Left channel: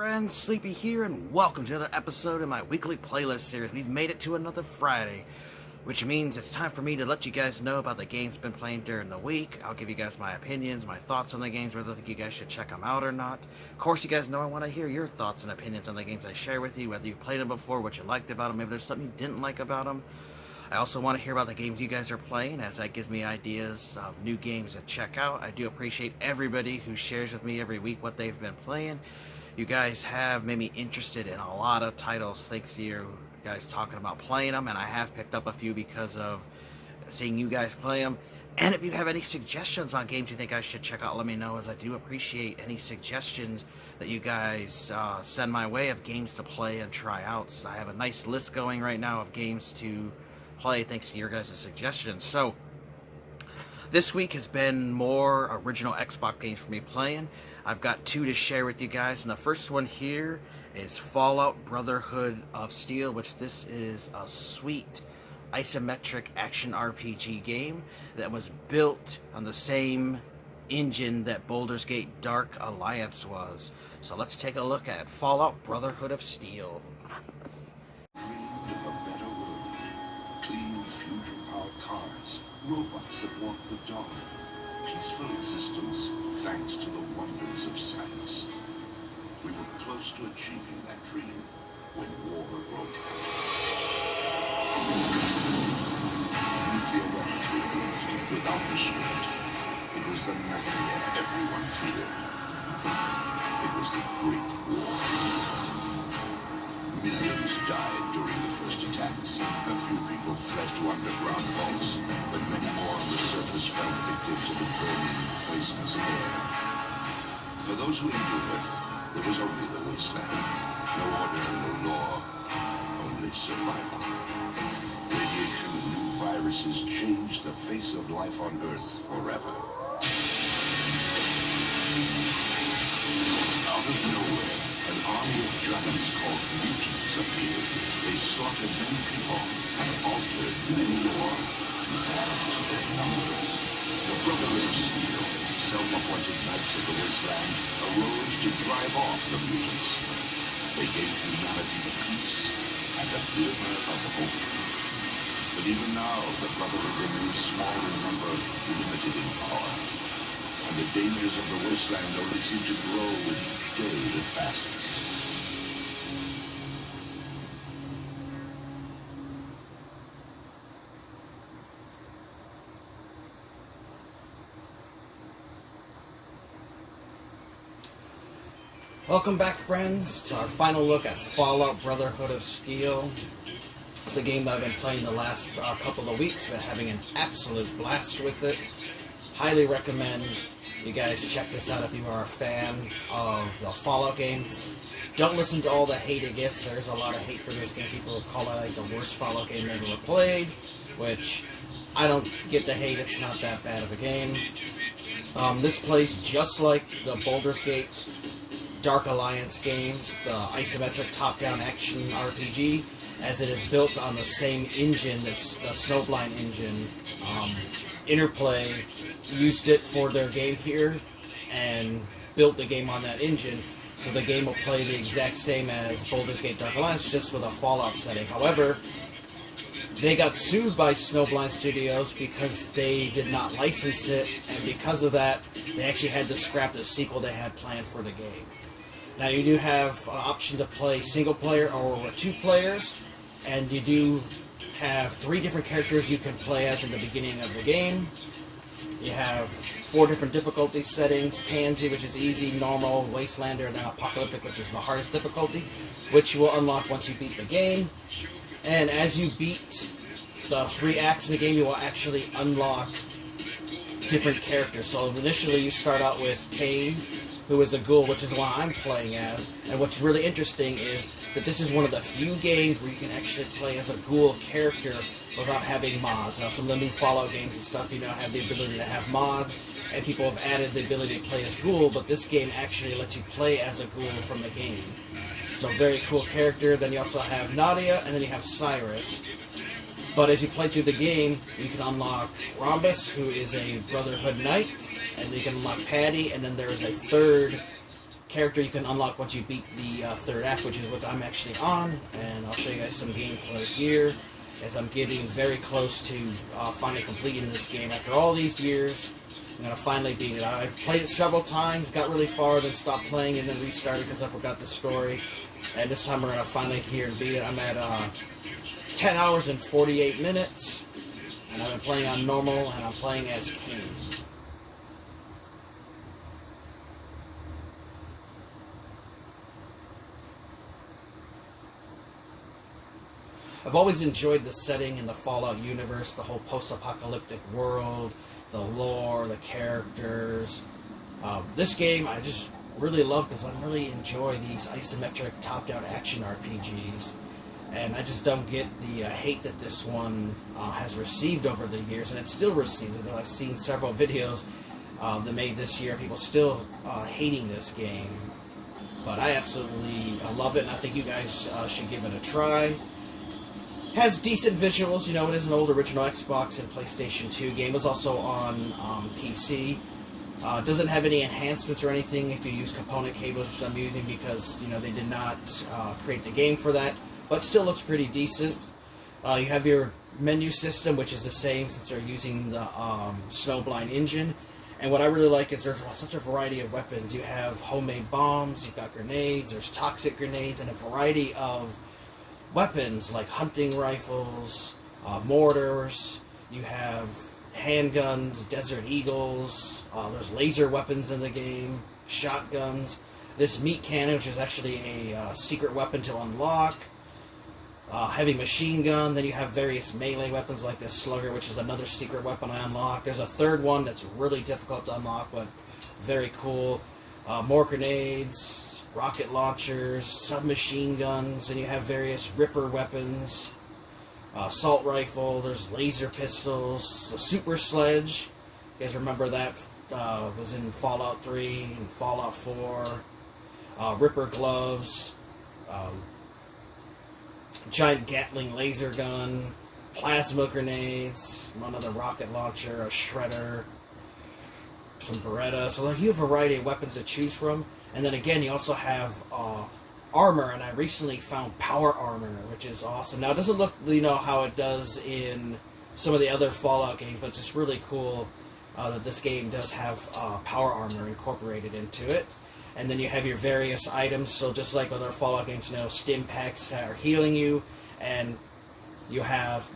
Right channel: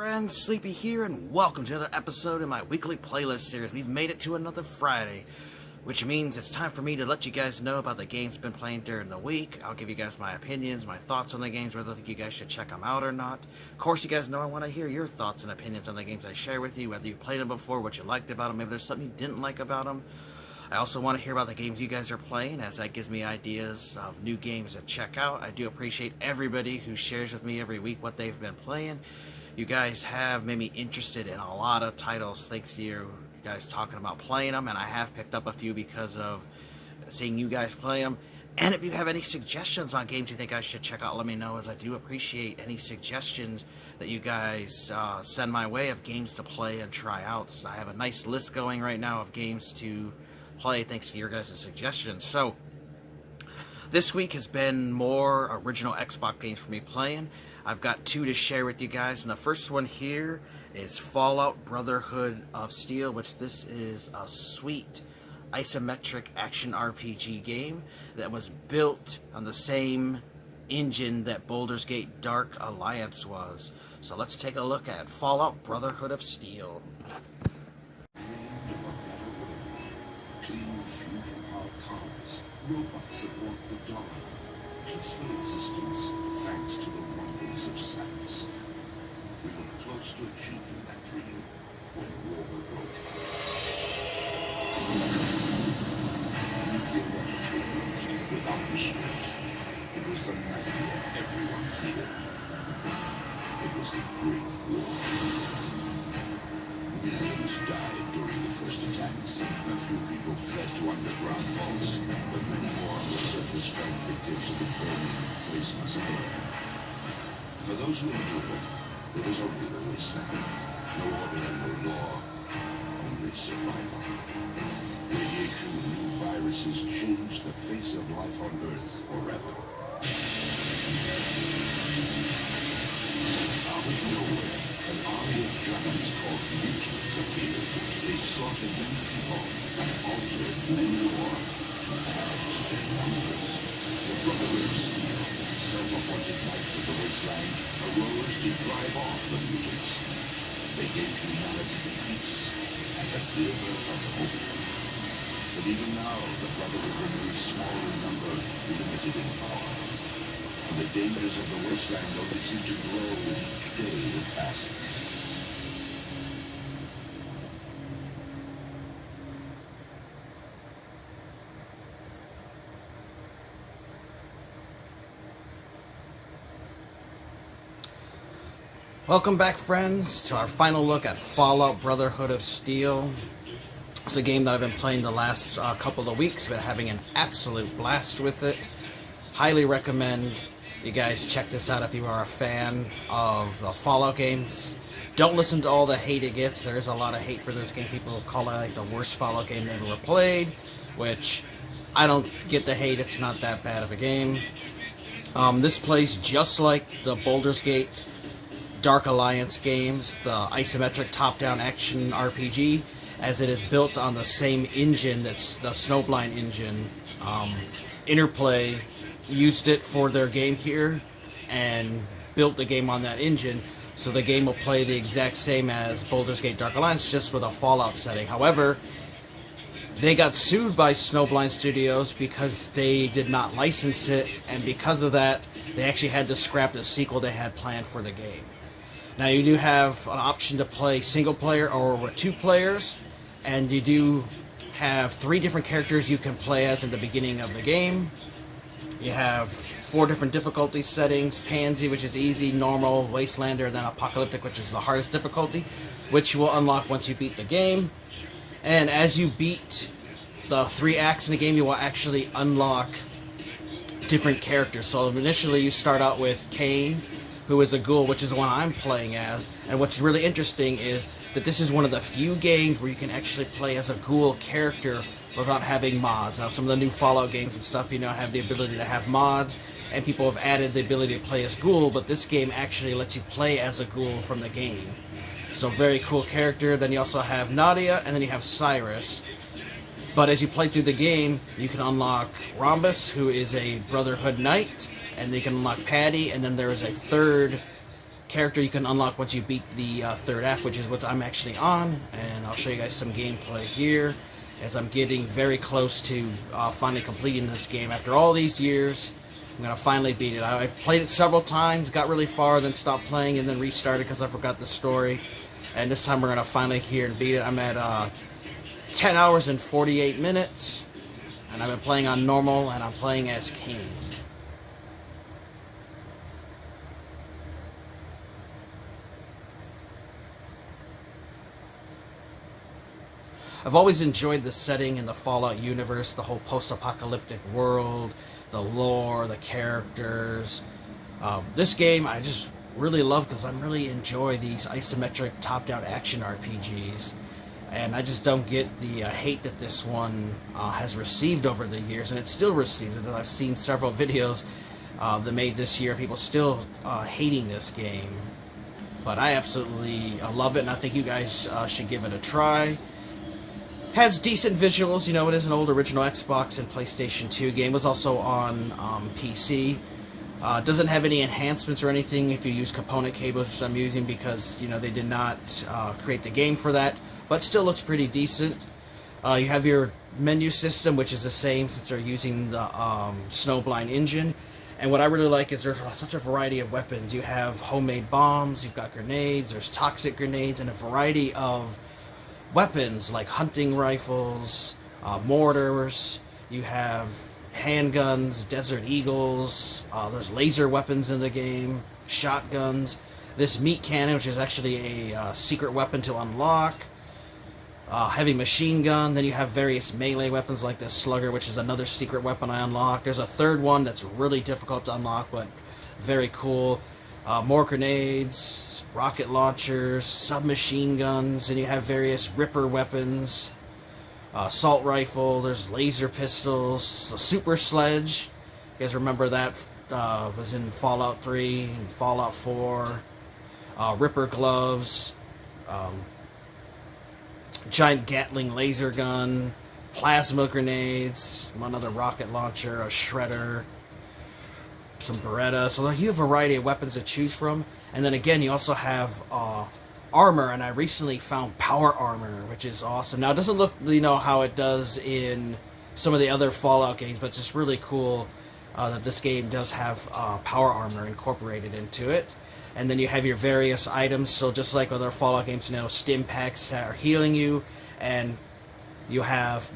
Friends, Sleepy here, and welcome to another episode in my weekly playlist series. We've made it to another Friday, which means it's time for me to let you guys know about the games been playing during the week. I'll give you guys my opinions, my thoughts on the games, whether I think you guys should check them out or not. Of course, you guys know I want to hear your thoughts and opinions on the games I share with you, whether you played them before, what you liked about them, maybe there's something you didn't like about them. I also want to hear about the games you guys are playing, as that gives me ideas of new games to check out. I do appreciate everybody who shares with me every week what they've been playing. You guys have made me interested in a lot of titles thanks to you guys talking about playing them, and I have picked up a few because of seeing you guys play them. And if you have any suggestions on games you think I should check out, let me know, as I do appreciate any suggestions that you guys send my way of games to play and try out. So I have a nice list going right now of games to play thanks to your guys' suggestions. So this week has been more original Xbox games for me playing. I've got two to share with you guys, and the first one here is Fallout Brotherhood of Steel, which this is a sweet isometric action RPG game that was built on the same engine that Baldur's Gate Dark Alliance was. So let's take a look at Fallout Brotherhood of Steel. Dreamed of a better world. Clean fusion-powered cars, robots that walk the dog, peaceful existence thanks to the wonders of science. We were close to achieving that dream when war broke out. Nuclear weapons were used without restraint. It was the nightmare everyone feared. It was the Great War. Millions died during the first attacks. A few people fled to underground vaults, but many more on the surface fell victim to the burning, poisonous air. For those who endured, there was only the wasteland. No order, no law, only survival. Radiation and new viruses changed the face of life on Earth forever. Out of nowhere, an army of giants called Mutants appeared. They slaughtered many people and altered many more to add to their numbers. The Brotherhood of Steel, self-appointed knights of the wasteland, arose to drive off the mutants. They gave humanity peace and a glimmer of hope. But even now, the Brotherhood remains small in number, limited in power. And the dangers of the wasteland only seem to grow with each day that passes. Welcome back, friends, to our final look at Fallout Brotherhood of Steel. It's a game that I've been playing the last couple of weeks, been having an absolute blast with it. Highly recommend you guys check this out if you are a fan of the Fallout games. Don't listen to all the hate it gets. There is a lot of hate for this game. People call it like the worst Fallout game they ever played, which I don't get the hate. It's not that bad of a game. This plays just like the Baldur's Gate Dark Alliance games, the isometric top-down action RPG, as it is built on the same engine that's the Snowblind engine. Interplay used it for their game here and built the game on that engine, so the game will play the exact same as Baldur's Gate Dark Alliance, just with a Fallout setting. However, they got sued by Snowblind Studios because they did not license it, and because of that, they actually had to scrap the sequel they had planned for the game. Now, you do have an option to play single player or with 2 players, and you do have 3 different characters you can play as in the beginning of the game. You have 4 different difficulty settings: Pansy, which is easy, normal, Wastelander, and then Apocalyptic, which is the hardest difficulty, which you will unlock once you beat the game. And as you beat the 3 acts in the game, you will actually unlock different characters. So initially you start out with Kane, who is a ghoul, which is the one I'm playing as. And what's really interesting is that this is one of the few games where you can actually play as a ghoul character without having mods. Now, some of the new Fallout games and stuff, you know, have the ability to have mods, and people have added the ability to play as ghoul, but this game actually lets you play as a ghoul from the game. So very cool character. Then you also have Nadia, and then you have Cyrus. But as you play through the game, you can unlock Rhombus, who is a Brotherhood Knight, and you can unlock Patty, and then there is a third character you can unlock once you beat the third act, which is what I'm actually on, and I'll show you guys some gameplay here as I'm getting very close to finally completing this game. After all these years, I'm going to finally beat it. I've played it several times, got really far, then stopped playing, and then restarted because I forgot the story. And this time we're going to finally hear and beat it. I'm at 10 hours and 48 minutes, and I've been playing on normal, and I'm playing as Kane. I've always enjoyed the setting in the Fallout universe, the whole post-apocalyptic world, the lore, the characters. This game I just really love because I really enjoy these isometric top-down action RPGs. And I just don't get the hate that this one has received over the years, and it still receives it. I've seen several videos that made this year, people still hating this game. But I absolutely love it, and I think you guys should give it a try. Has decent visuals, you know, it is an old original Xbox and PlayStation 2 game. It was also on PC. Doesn't have any enhancements or anything if you use component cables, which I'm using because, you know, they did not create the game for that. But still looks pretty decent. You have your menu system, which is the same since they're using the Snowblind engine. And what I really like is there's such a variety of weapons. You have homemade bombs, you've got grenades, there's toxic grenades, and a variety of weapons like hunting rifles, mortars. You have handguns, Desert Eagles. There's laser weapons in the game, shotguns. This meat cannon, which is actually a secret weapon to unlock. Heavy machine gun. Then you have various melee weapons like this slugger, which is another secret weapon I unlocked. There's a third one that's really difficult to unlock, but very cool. More grenades, rocket launchers, submachine guns, and you have various Ripper weapons, assault rifle, there's laser pistols, a super sledge. You guys remember that was in Fallout 3 and Fallout 4. Ripper gloves, giant Gatling laser gun, plasma grenades, another rocket launcher, a shredder, some Beretta. So you have a variety of weapons to choose from. And then again, you also have armor, and I recently found power armor, which is awesome. Now, it doesn't look, you know, how it does in some of the other Fallout games, but it's just really cool that this game does have power armor incorporated into it. And then you have your various items, so just like other Fallout games, you know, stim packs that are healing you, and you have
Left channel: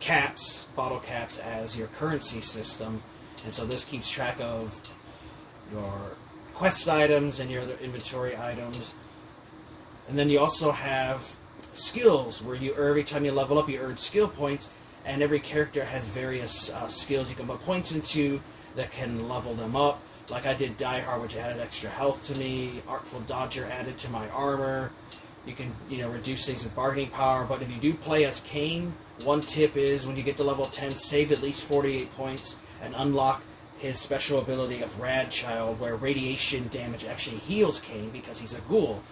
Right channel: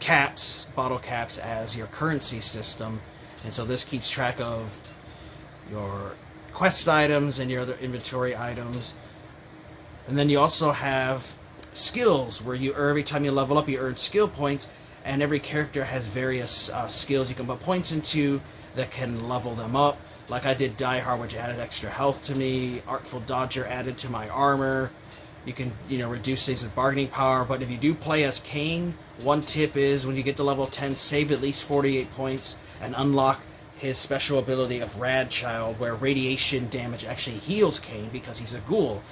caps, bottle caps, as your currency system. And so this keeps track of your quest items and your other inventory items. And then you also have skills where you every time you level up, you earn skill points, and every character has various skills you can put points into that can level them up. Like I did Die Hard, which added extra health to me. Artful Dodger added to my armor. You can, you know, reduce things with bargaining power. But if you do play as Kane, one tip is when you get to level 10, save at least 48 points and unlock his special ability of Rad Child, where radiation damage actually heals Kane because he's a ghoul.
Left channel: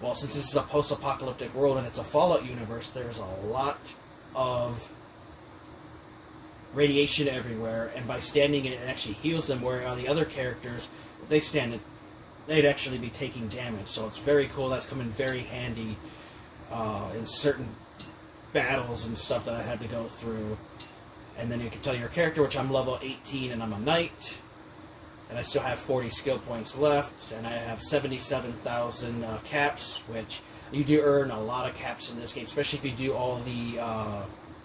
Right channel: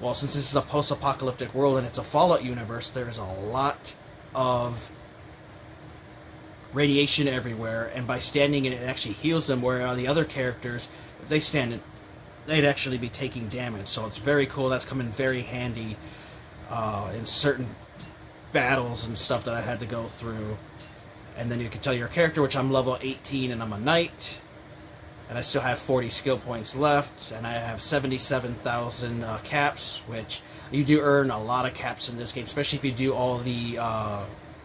Well, since this is a post-apocalyptic world and it's a Fallout universe, there's a lot of radiation everywhere, and by standing in it, it actually heals them, where the other characters, if they stand in, they'd actually be taking damage. So it's very cool. That's come in very handy in certain battles and stuff that I had to go through. And then you can tell your character, which I'm level 18 and I'm a knight. And I still have 40 skill points left. And I have 77,000 caps, which you do earn a lot of caps in this game, especially if you do all the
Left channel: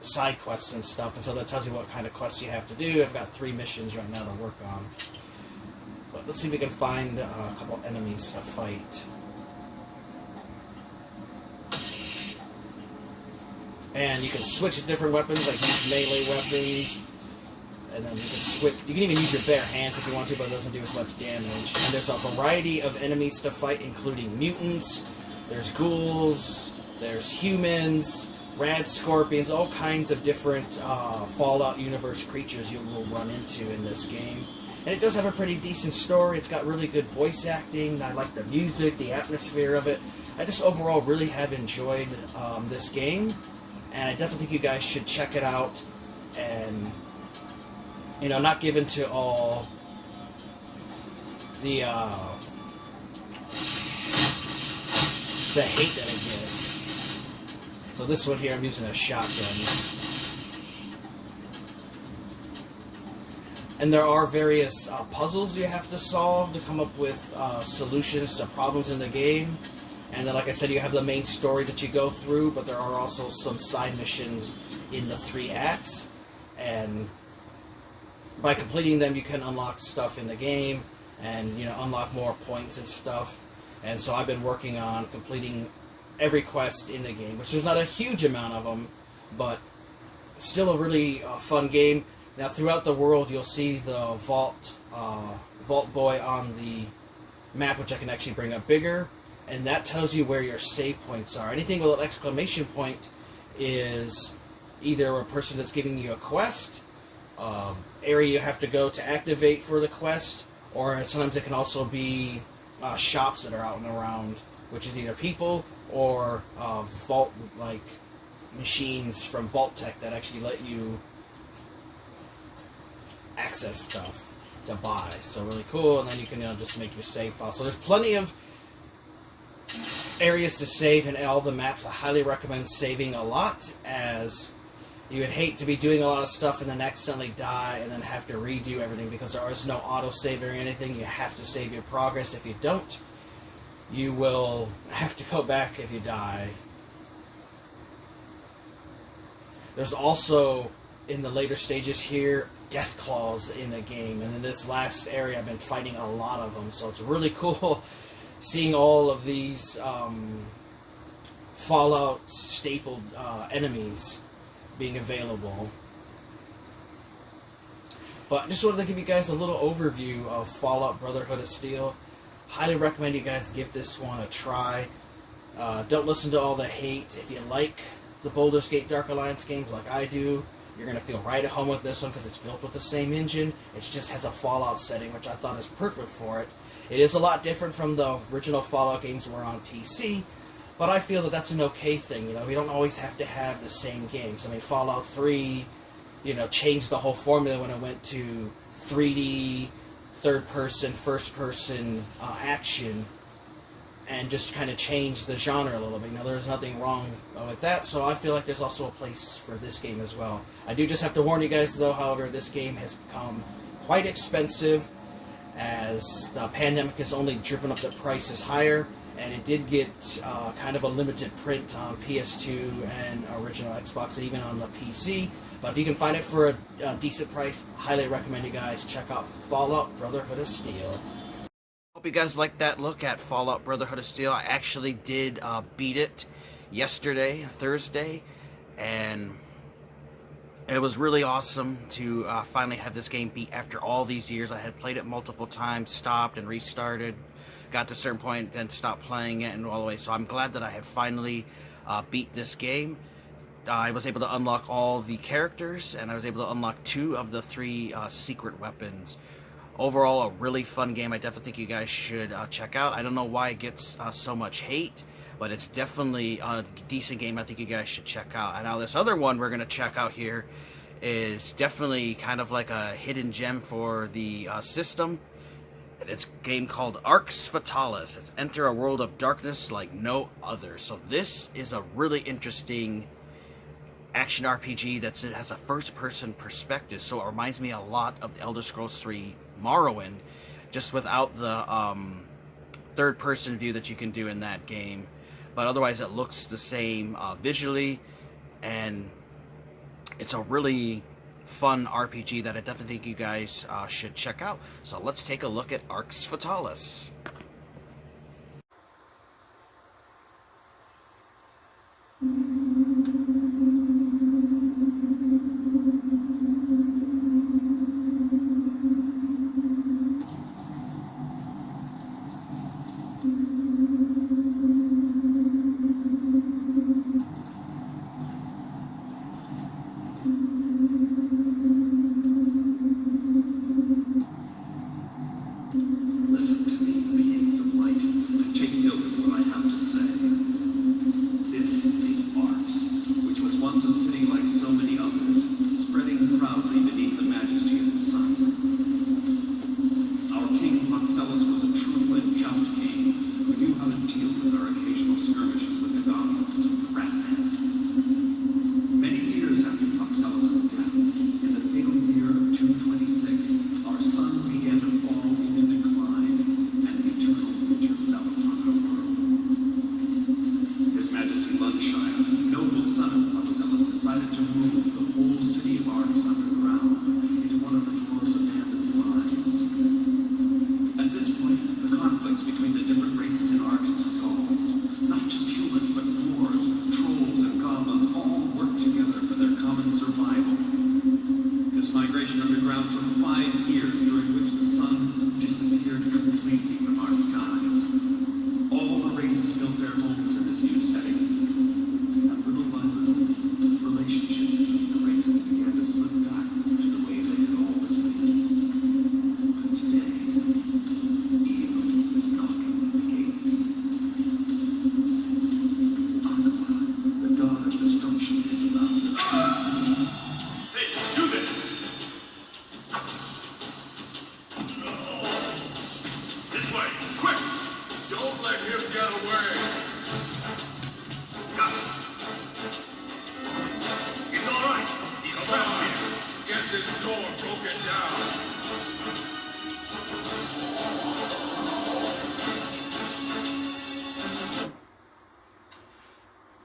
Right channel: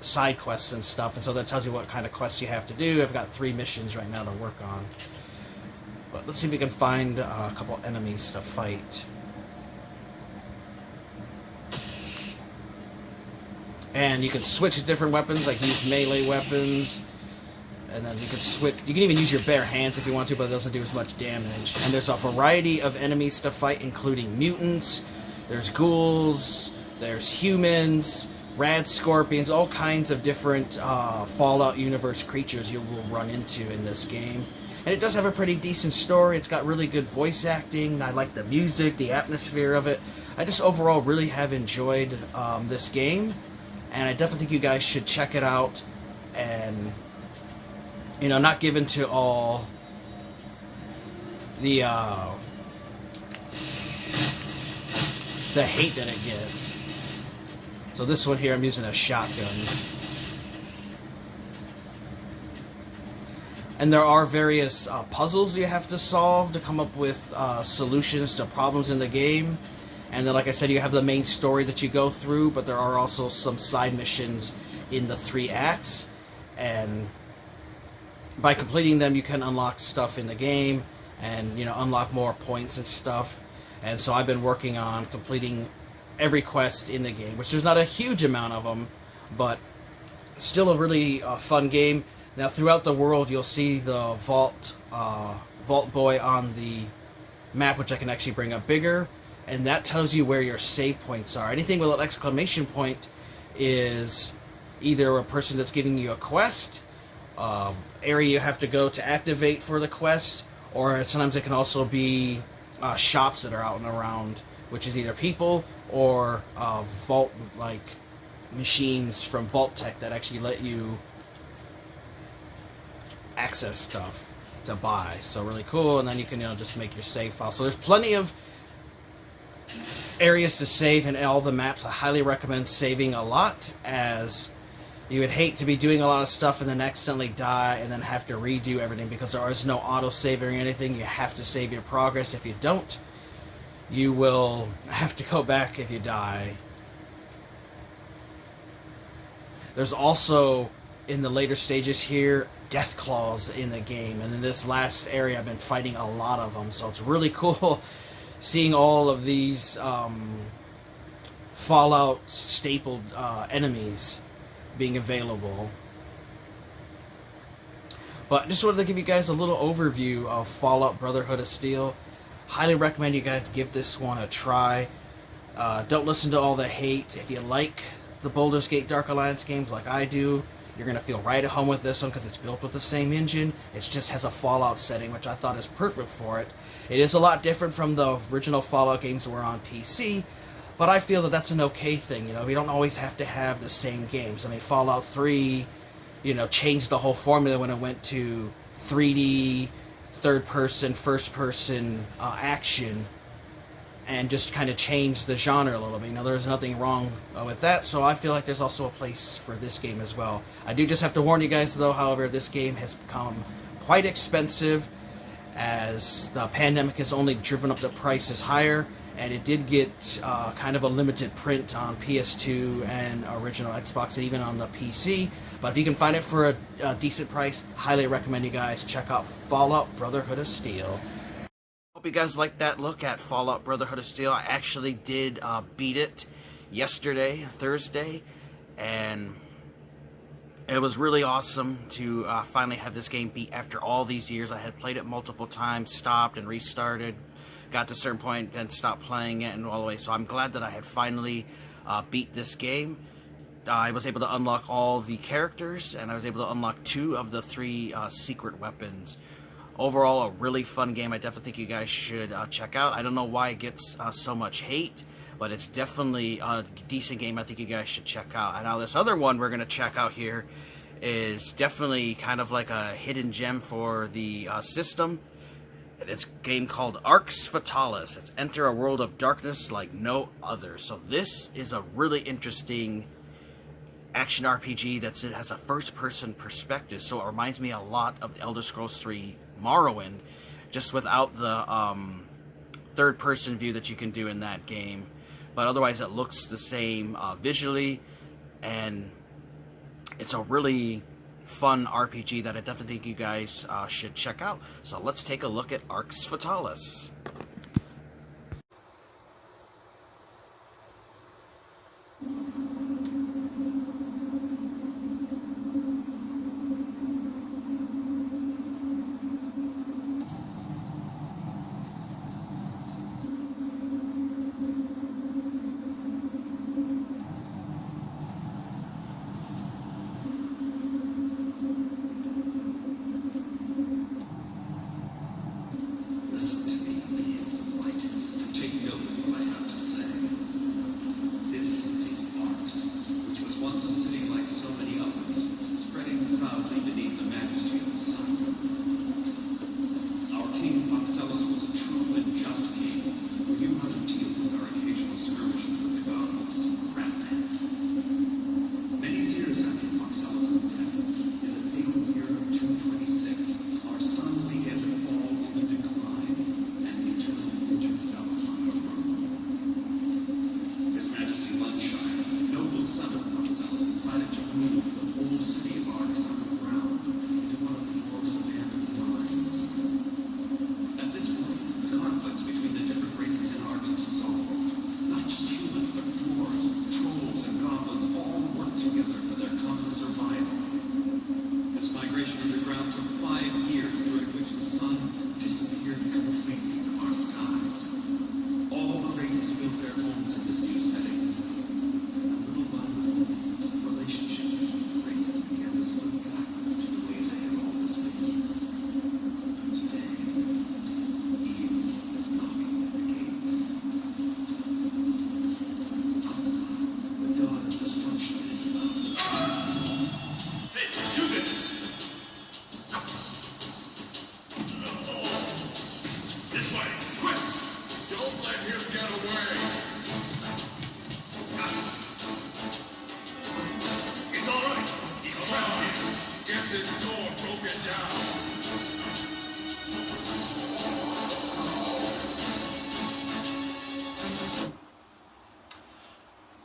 side quests and stuff. And so that tells you what kind of quests you have to do. I've got 3 missions right now to work on. But let's see if we can find a couple enemies to fight. And you can switch to different weapons, like use melee weapons. And then you can switch. You can even use your bare hands if you want to, but it doesn't do as much damage. And there's a variety of enemies to fight, including mutants. There's ghouls. There's humans. Rad scorpions. All kinds of different Fallout universe creatures you will run into in this game. And it does have a pretty decent story. It's got really good voice acting. I like the music, the atmosphere of it. I just overall really have enjoyed this game. And I definitely think you guys should check it out. And, you know, not given to all the the hate that it gets. So this one here, I'm using a shotgun. And there are various puzzles you have to solve to come up with solutions to problems in the game. And then, like I said, you have the main story that you go through, but there are also some side missions in the 3 acts. And by completing them, you can unlock stuff in the game and, you know, unlock more points and stuff. And so I've been working on completing every quest in the game, which there's not a huge amount of them, but still a really fun game. Now, throughout the world, you'll see the Vault Boy on the map, which I can actually bring up bigger, and that tells you where your save points are. Anything with an exclamation point is either a person that's giving you a quest, area you have to go to activate for the quest, or sometimes it can also be shops that are out and around, which is either people or vault like machines from Vault Tech that actually let you access stuff to buy. So really cool. And then you can, you know, just make your save file. So there's plenty of areas to save in all the maps. I highly recommend saving a lot, as you would hate to be doing a lot of stuff and then accidentally die and then have to redo everything, because there is no auto-save or anything. You have to save your progress. If you don't, you will have to go back if you die. There's also, in the later stages here, death claws in the game. And in this last area, I've been fighting a lot of them. So it's really cool seeing all of these Fallout stapled enemies being available. But just wanted to give you guys a little overview of Fallout Brotherhood of Steel. Highly recommend you guys give this one a try. Don't listen to all the hate. If you like the Baldur's Gate Dark Alliance games like I do, you're going to feel right at home with this one, because it's built with the same engine. It just has a Fallout setting, which I thought is perfect for it. It is a lot different from the original Fallout games that were on PC, but I feel that that's an okay thing. You know, we don't always have to have the same games. I mean, Fallout 3, you know, changed the whole formula when it went to 3D, third-person, first-person action, and just kind of changed the genre a little bit. You know, there's nothing wrong with that, so I feel like there's also a place for this game as well. I do just have to warn you guys, though, however, this game has become quite expensive, as the pandemic has only driven up the prices higher, and it did get kind of a limited print on PS2 and original Xbox, and even on the PC. But if you can find it for a decent price, highly recommend you guys check out Fallout Brotherhood of Steel. Hope you guys liked that look at Fallout Brotherhood of Steel. I actually did beat it yesterday, Thursday, and it was really awesome to finally have this game beat after all these years. I had played it multiple times, stopped and restarted, got to a certain point, then stopped playing it and all the way. So I'm glad that I had finally beat this game. I was able to unlock all the characters, and I was able to unlock 2 of the 3 secret weapons. Overall, a really fun game. I definitely think you guys should check out. I don't know why it gets so much hate, but it's definitely a decent game I think you guys should check out. And now this other one we're going to check out here is definitely kind of like a hidden gem for the system. It's a game called Fatalis. It's enter a world of darkness like no other. So this is a really interesting action RPG that has a first-person perspective, so it reminds me a lot of the Elder Scrolls 3 Morrowind, just without the third-person view that you can do in that game. But otherwise, it looks the same visually, and it's a really fun RPG that I definitely think you guys should check out. So let's take a look at Fatalis. Listen to me.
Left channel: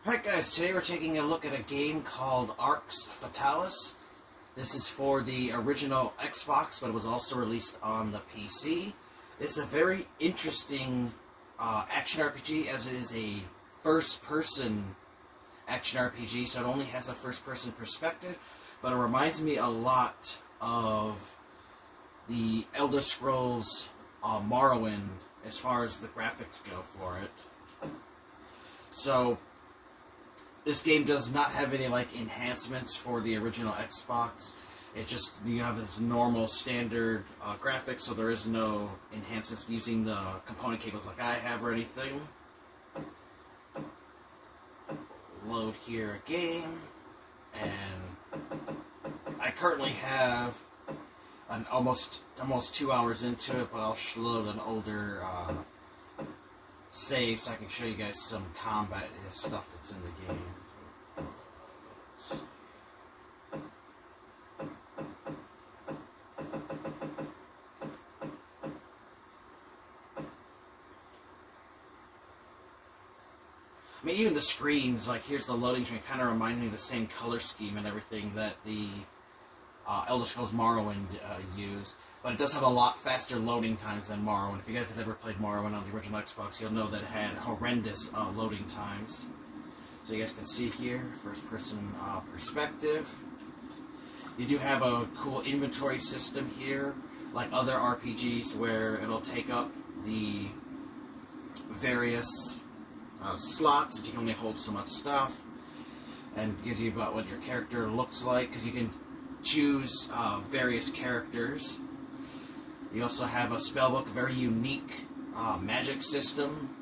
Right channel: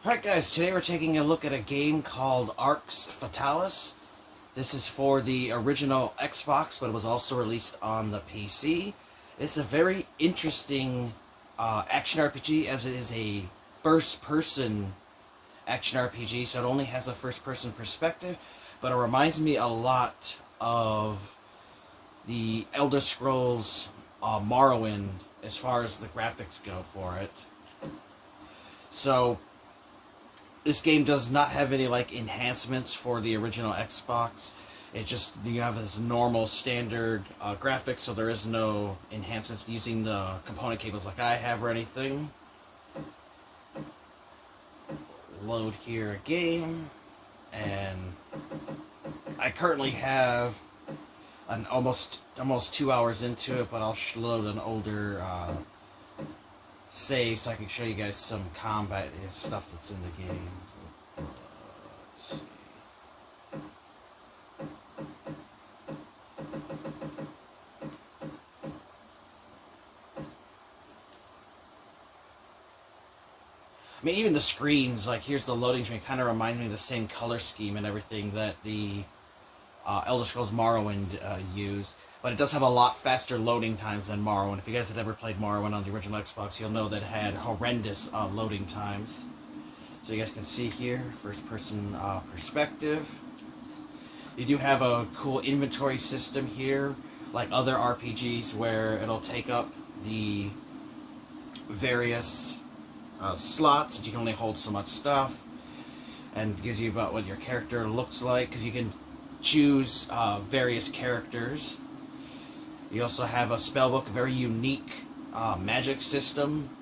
Alright guys, today we're taking a look at a game called Arx Fatalis. This is for the original Xbox, but it was also released on the PC. It's a very interesting action RPG, as it is a first-person action RPG, so it only has a first-person perspective, but it reminds me a lot of the Elder Scrolls Morrowind as far as the graphics go for it. So this game does not have any like enhancements for the original Xbox. It just, you have this normal standard graphics, so there is no enhancements using the component cables like I have or anything. Load here a game, and I currently have an almost 2 hours into it, but I'll load an older save so I can show you guys some combat stuff that's in the game. Let's see. I mean, even the screens, like here's the loading screen, kind of remind me of the same color scheme and everything that the Elder Scrolls Morrowind used. But it does have a lot faster loading times than Morrowind. If you guys had ever played Morrowind on the original Xbox, you'll know that it had horrendous loading times. So you guys can see here, first-person perspective. You do have a cool inventory system here, like other RPGs, where it'll take up the various slots that you can only hold so much stuff, and gives you about what your character looks like, because you can choose various characters. You also have a spellbook, a very unique magic system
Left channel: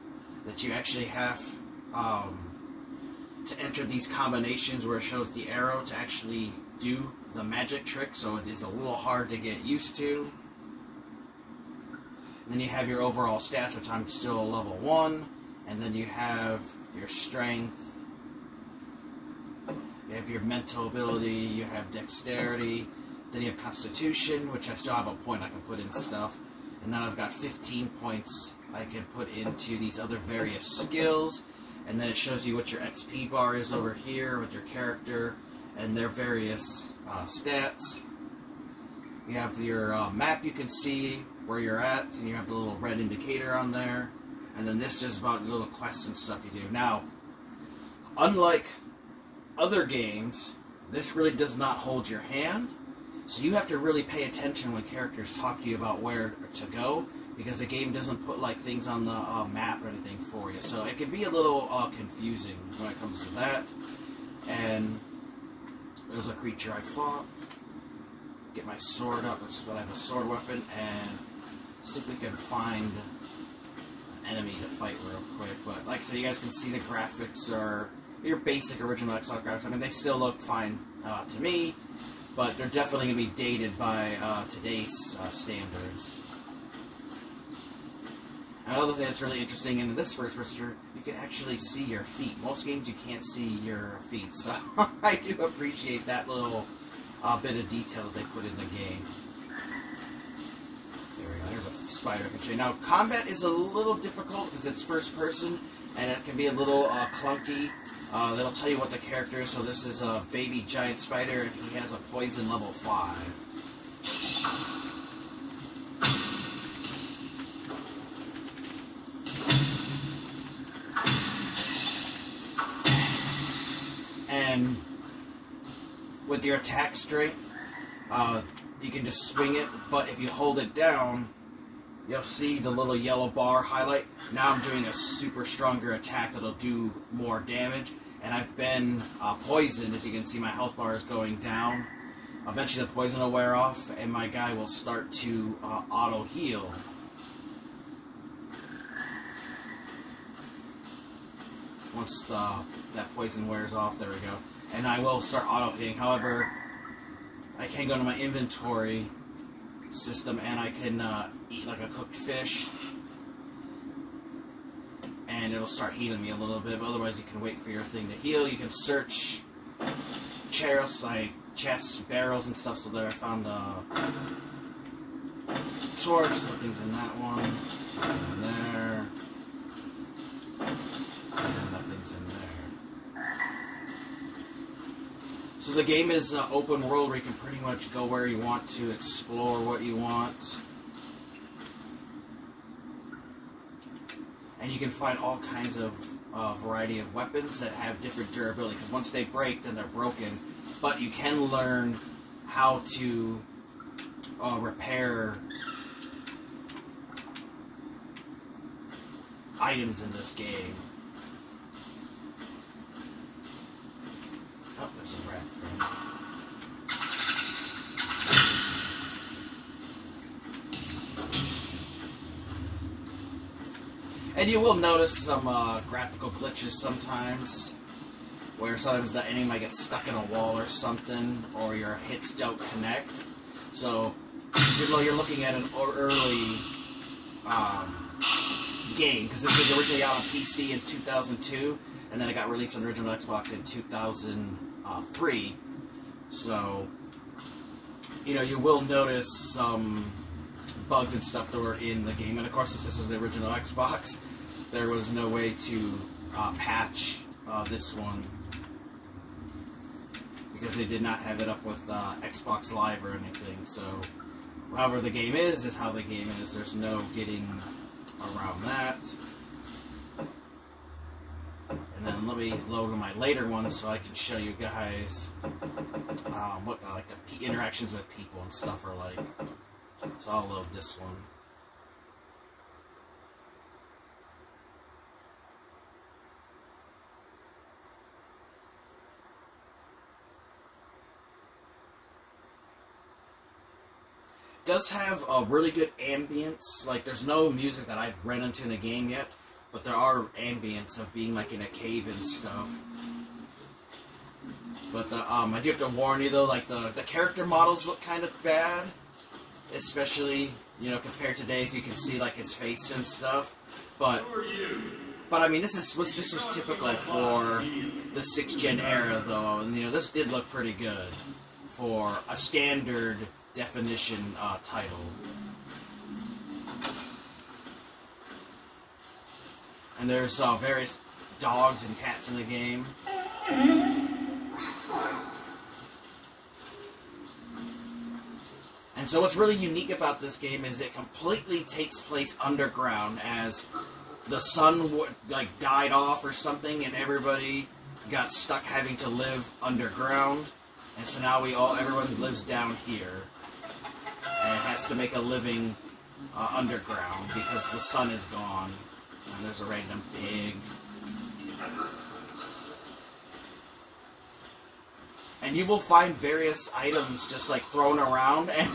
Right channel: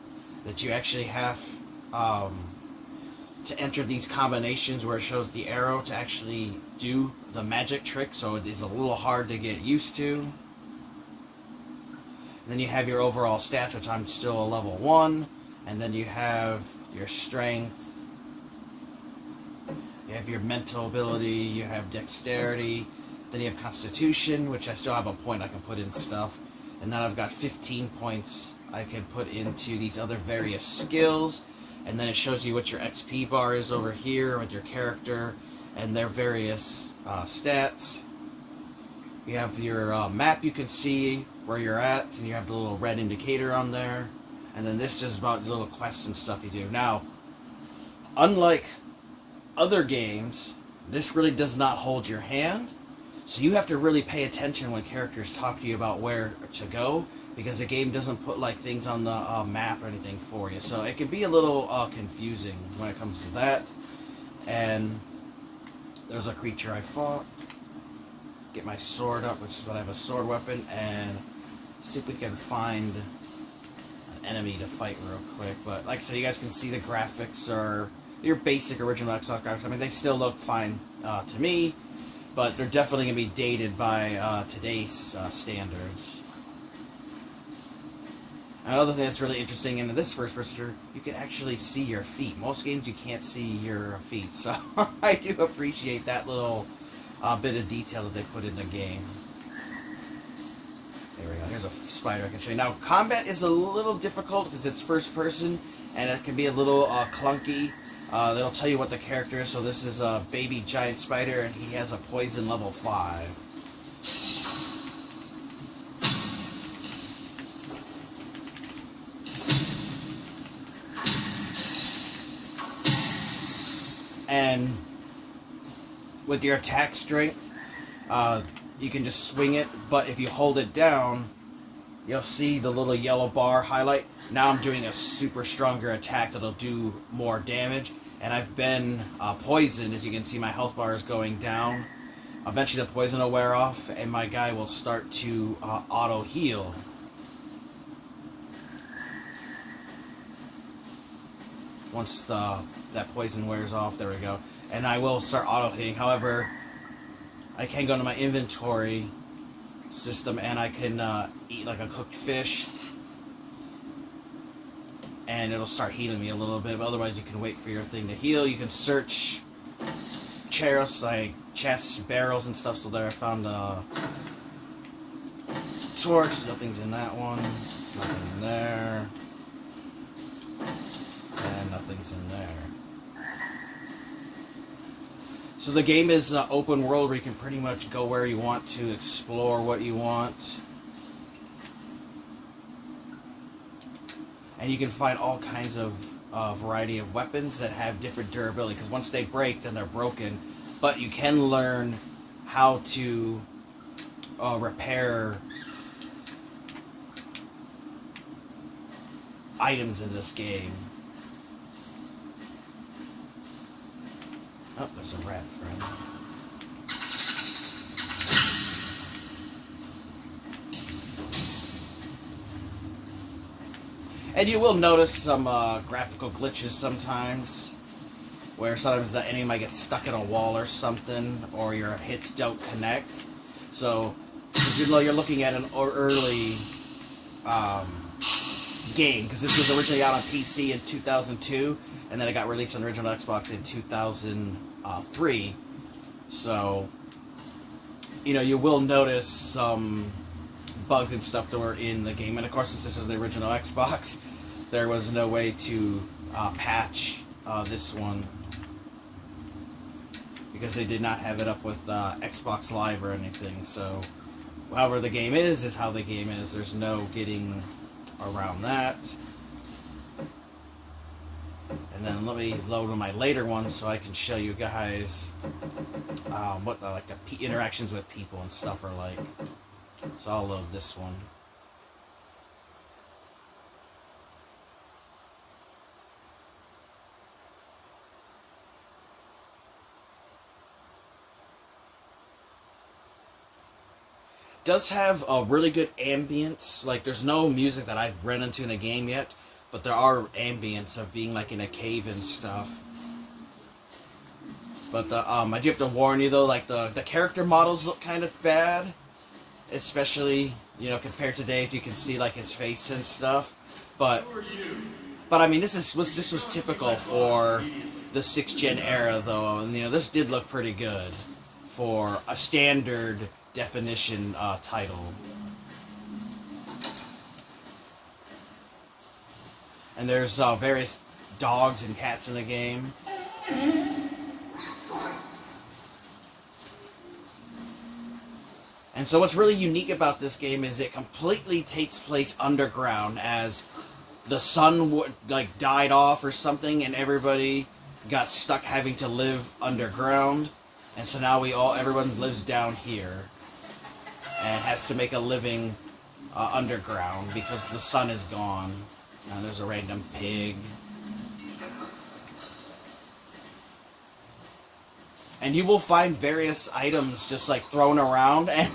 that you actually have to enter these combinations where it shows the arrow to actually do the magic trick, so it is a little hard to get used to. And then you have your overall stats, which I'm still a level 1, and then you have your strength, you have your mental ability, you have dexterity, then you have constitution, which I still have a point I can put in stuff, and then I've got 15 points I can put into these other various skills, and then it shows you what your XP bar is over here with your character and their various stats. You have your map, you can see where you're at, and you have the little red indicator on there, and then this is about little quests and stuff you do. Now, unlike other games, this really does not hold your hand, so you have to really pay attention when characters talk to you about where to go, because the game doesn't put like things on the map or anything for you, so it can be a little confusing when it comes to that. And there's a creature I fought. Get my sword up, which is what I have, a sword weapon, and see if we can find an enemy to fight real quick. But like I said, you guys can see the graphics are your basic original Xbox graphics. I mean, they still look fine to me, but they're definitely going to be dated by today's standards. Another thing that's really interesting in this first person, you can actually see your feet. Most games you can't see your feet, so I do appreciate that little bit of detail that they put in the game. There we go, here's a spider I can show you. Now, combat is a little difficult because it's first person, and it can be a little clunky. They'll tell you what the character is. So this is a baby giant spider, and he has a poison level 5. And with your attack strength, you can just swing it, but if you hold it down, you'll see the little yellow bar highlight. Now I'm doing a super stronger attack that'll do more damage, and I've been poisoned. As you can see, my health bar is going down. Eventually the poison will wear off, and my guy will start to auto-heal. Once that poison wears off, there we go. And I will start auto-hitting. However, I can go to my inventory system and I can eat like a cooked fish, and it'll start healing me a little bit, but otherwise you can wait for your thing to heal. You can search chests, like chests, barrels and stuff. So there I found a torch, nothing's in that one, nothing in there, and nothing's in there. So the game is open world where you can pretty much go where you want to, explore what you want. And you can find all kinds of variety of weapons that have different durability, because once they break, then they're broken. But you can learn how to repair items in this game. Oh, there's a rat friend. And you will notice some graphical glitches sometimes, where sometimes the enemy might get stuck in a wall or something, or your hits don't connect. So, you're looking at an early game, because this was originally out on PC in 2002, and then it got released on original Xbox in 2003. So, you will notice some bugs and stuff that were in the game. And of course, since this was the original Xbox, there was no way to patch this one, because they did not have it up with Xbox Live or anything. So, however the game is how the game is. There's no getting around that. And then let me load on my later ones so I can show you guys what the interactions with people and stuff are like. So I'll load this one. Does have a really good ambience. Like, there's no music that I've run into in the game yet, but there are ambience of being like in a cave and stuff. But I do have to warn you though, like the character models look kind of bad, especially compared to days. You can see like his face and stuff, but I mean this was typical for the 6th gen era though, and this did look pretty good for a standard definition title. And there's various dogs and cats in the game. And so what's really unique about this game is it completely takes place underground, as the sun died off or something, and everybody got stuck having to live underground. And so now everyone lives down here and has to make a living underground because the sun is gone. And there's a random pig. And you will find various items just like thrown around, and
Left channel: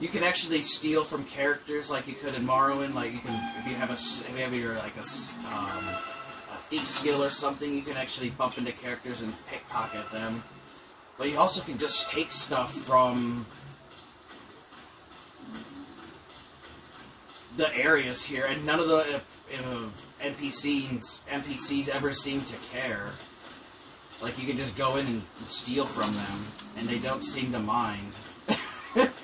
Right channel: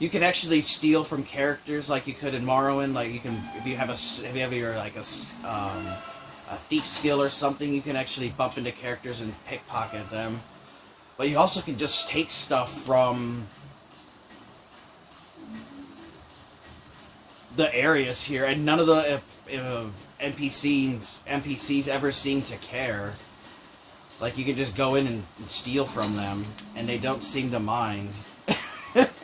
you can actually steal from characters like you could in Morrowind. Like if you have your like a thief skill or something, you can actually bump into characters and pickpocket them. But you also can just take stuff from the areas here, and none of the NPCs ever seem to care. Like, you can just go in and steal from them, and they don't seem to mind.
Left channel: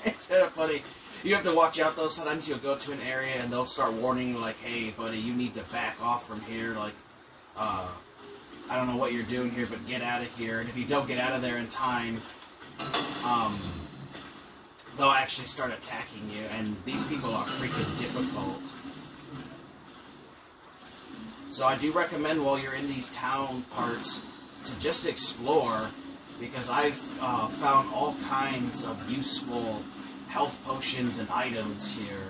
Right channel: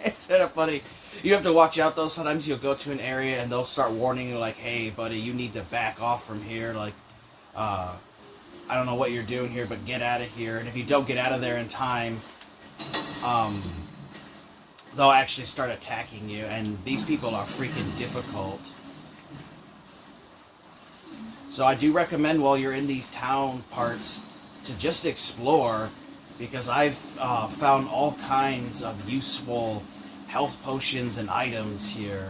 It's kind of funny. You have to watch out, though. Sometimes you'll go to an area, and they'll start warning you, like, hey, buddy, you need to back off from here. Like, I don't know what you're doing here, but get out of here. And if you don't get out of there in time, they'll actually start attacking you. And these people are freaking difficult. So I do recommend, while you're in these town parts, to just explore, because I've found all kinds of useful health potions and items here.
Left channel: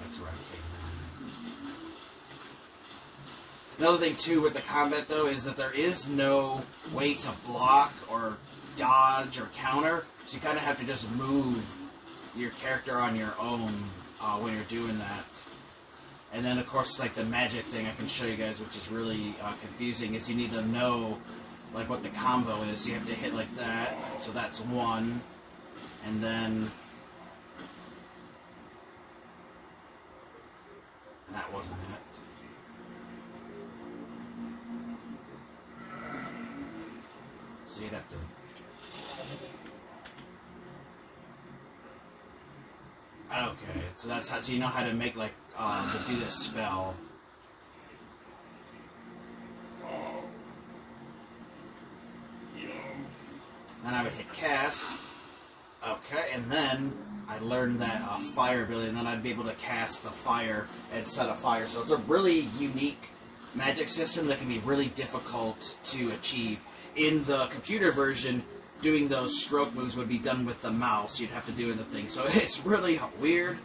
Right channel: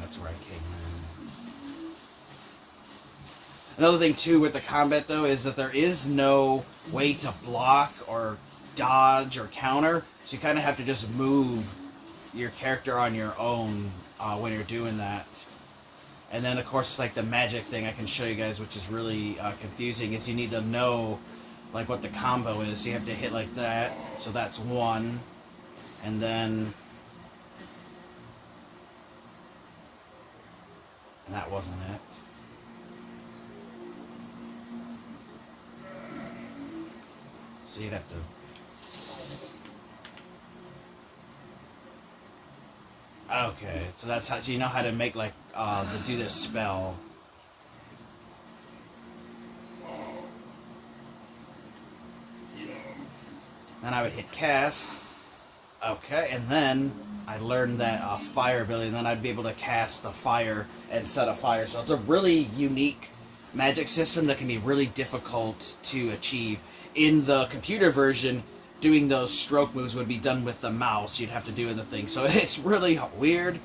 That's where I came in. Another thing too with the combat though is that there is no way to block or dodge or counter, so you kind of have to just move your character on your own when you're doing that. And then of course, like the magic thing I can show you guys, which is really confusing, is you need to know like what the combo is. So you have to hit like that, so that's one, and then that wasn't it. So you'd have to Okay, so that's how, so you know how to make, like, to do this spell. Then I would hit cast. Okay, and then I learned that fire ability, and then I'd be able to cast the fire and set a fire. So it's a really unique magic system that can be really difficult to achieve. In the computer version, doing those stroke moves would be done with the mouse. You'd have to do in the thing. So it's really weird,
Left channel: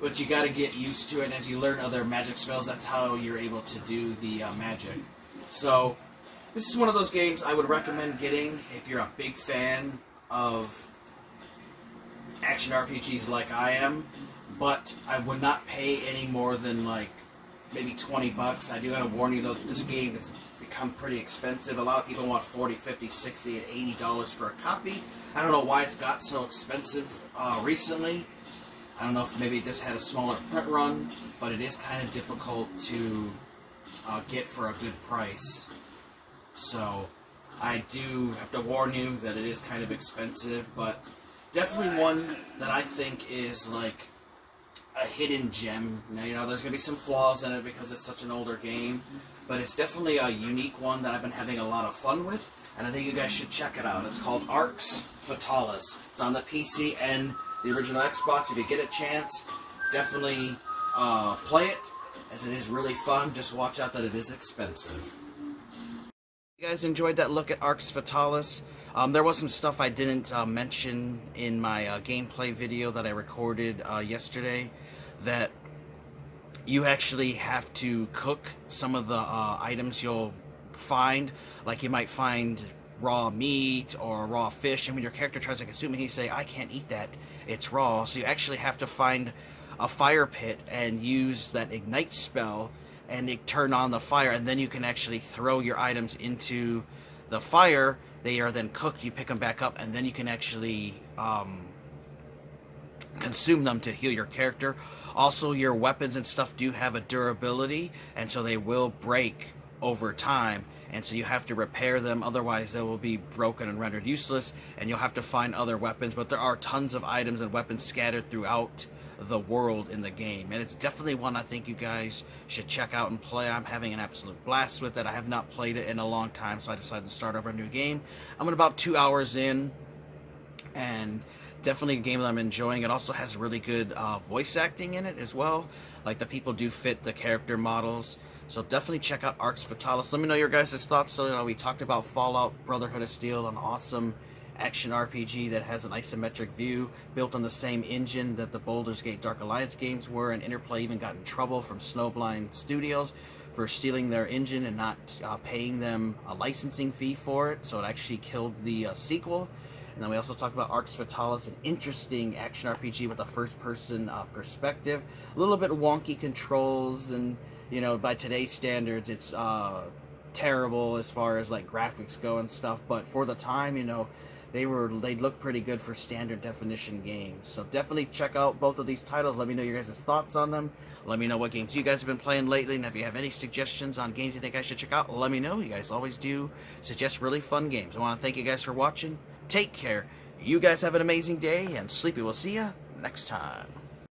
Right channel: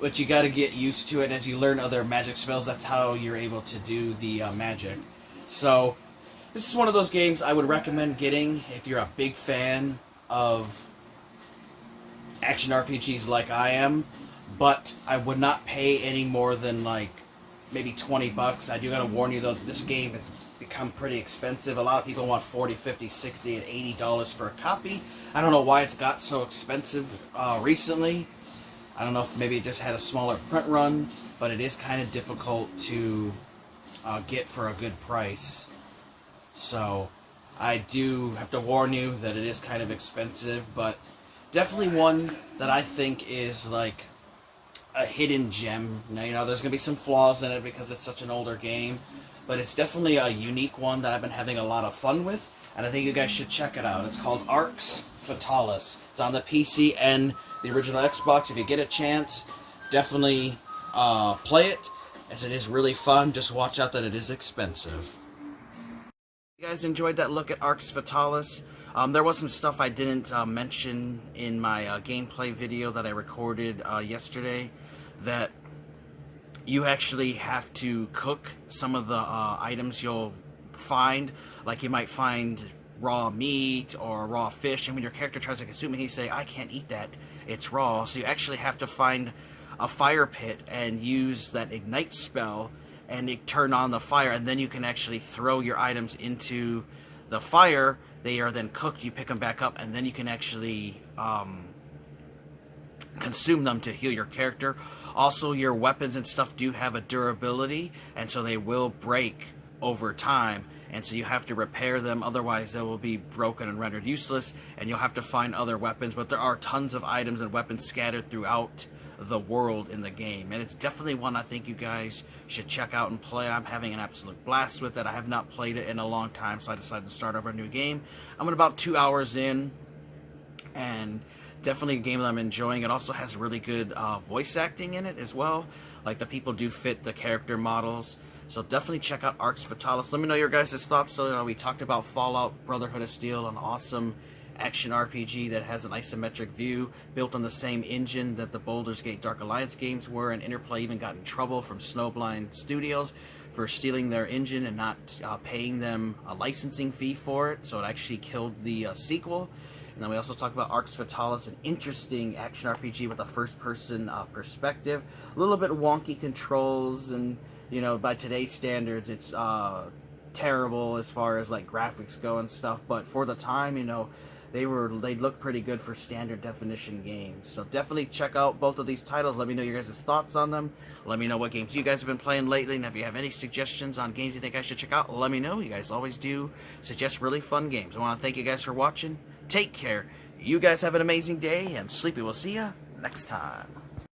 but you got to get used to it. As you learn other magic spells, that's how you're able to do the magic. So this is one of those games I would recommend getting if you're a big fan of action RPGs like I am, but I would not pay any more than like maybe $20. I do gotta warn you though, this game has become pretty expensive. A lot of people want $40, $50, $60, and $80 for a copy. I don't know why it's got so expensive recently. I don't know if maybe it just had a smaller print run, but it is kind of difficult to get for a good price. So I do have to warn you that it is kind of expensive, but definitely one that I think is like a hidden gem. Now, you know, there's going to be some flaws in it because it's such an older game, but it's definitely a unique one that I've been having a lot of fun with, and I think you guys should check it out. It's called Arx Fatalis. It's on the PC and the original Xbox. If you get a chance, definitely play it, as it is really fun. Just watch out that it is expensive. You guys enjoyed that look at Arx Fatalis? There was some stuff I didn't mention in my gameplay video that I recorded yesterday, that you actually have to cook some of the items you'll find. Like you might find raw meat or raw fish, and when your character tries to consume it, he say, "I can't eat that, it's raw." So you actually have to find a fire pit and use that ignite spell and turn on the fire, and then you can actually throw your items into the fire. They are then cooked, you pick them back up, and then you can actually consume them to heal your character. Also, your weapons and stuff do have a durability, and so they will break over time, and so you have to repair them, otherwise they will be broken and rendered useless, and you'll have to find other weapons. But there are tons of items and weapons scattered throughout the world in the game, and it's definitely one I think you guys should check out and play. I'm having an absolute blast with it. I have not played it in a long time, so I decided to start over a new game. I'm at about 2 hours in, and definitely a game that I'm enjoying. It also has really good voice acting in it as well. Like, the people do fit the character models, so definitely check out Arx Fatalis. Let me know your guys' thoughts. So we talked about Fallout Brotherhood of Steel, an awesome action RPG that has an isometric view, built on the same engine that the Baldur's Gate Dark Alliance games were, and Interplay even got in trouble from Snowblind Studios for stealing their engine and not paying them a licensing fee for it, so it actually killed the sequel. And then we also talked about Arx Fatalis, an interesting action RPG with a first-person perspective. A little bit wonky controls, and, you know, by today's standards, it's terrible as far as, like, graphics go and stuff, but for the time, you know, they look pretty good for standard definition games. So definitely check out both of these titles. Let me know your guys' thoughts on them. Let me know what games you guys have been playing lately, and if you have any suggestions on games you think I should check out, let me know. You guys always do suggest really fun games. I want to thank you guys for watching. Take care. You guys have an amazing day, and Sleepy will see you next time.